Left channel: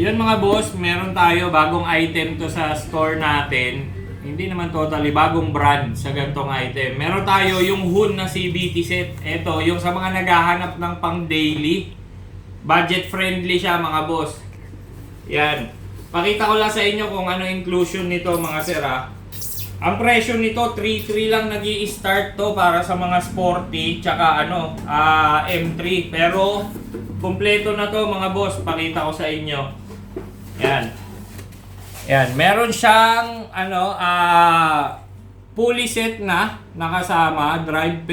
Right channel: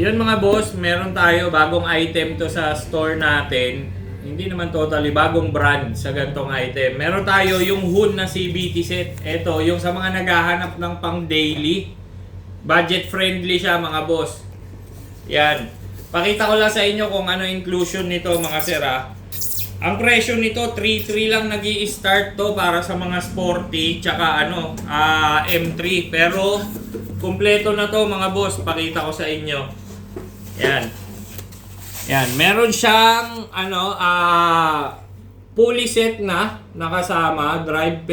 Yun mga boss, meron tayo bagong item to sa store natin. Hindi naman totally bagong brand sa gantong item. Meron tayo yung Hun na CBT set. Ito, yung sa mga naghahanap ng pang daily. Budget friendly siya mga boss. Yan. Pakita ko lang sa inyo kung ano inclusion nito mga sir ha. Ang presyo nito 3.3 lang nag-i-start to para sa mga sporty tsaka M3. Pero kumpleto na to mga boss, pakita ko sa inyo. Yan. Yan, meron siyang pulley set na nakasama, drive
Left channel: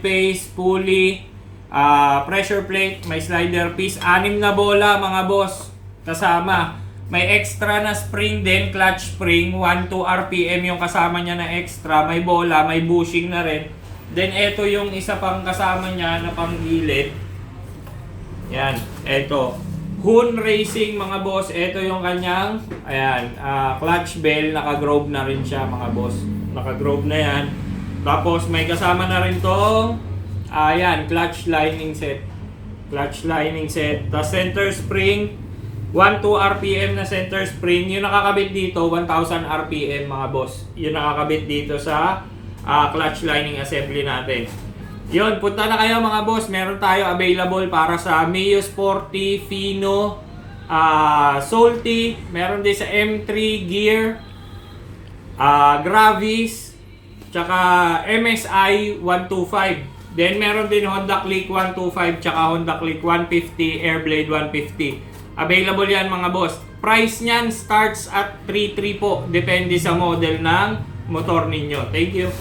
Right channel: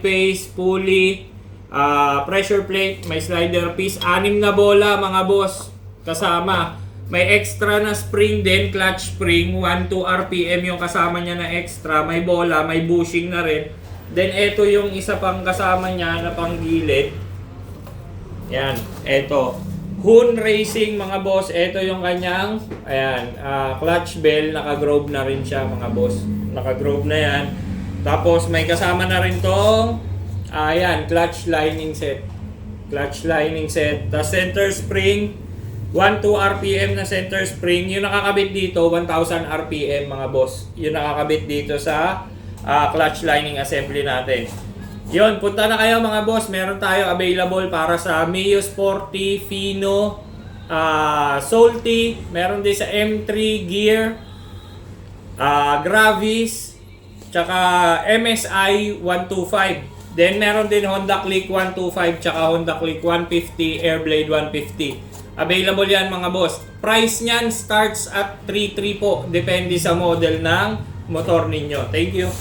pace, pulley, pressure plate, may slider piece, 6 na bola mga boss kasama. May extra na spring din, clutch spring, 1-2 RPM yung kasama niya na extra, may bola, may bushing na rin. Then ito yung isa pang kasama niya na panggilid. Yan, ito. Hun Racing mga boss, ito yung kanyang clutch bell, naka-groove na rin siya mga boss. Naka-groove na yan. Tapos may kasama na rin tong clutch lining set. Clutch lining set. Tapos center spring, 1-2 RPM na center spring. Yung nakakabit dito, 1000 RPM mga boss. Yung nakakabit dito sa clutch lining assembly natin. Yun, punta na kayo mga boss. Meron tayo available para sa Mio Sporty, Fino, Salty. Meron din sa M3 Gear, Gravis, tsaka MSI 125. Then meron din Honda Click 125 tsaka Honda Click 150, Airblade 150. Available yan mga boss. Price niyan starts at 3.3 po. Depende sa model ng motor ninyo. Thank you.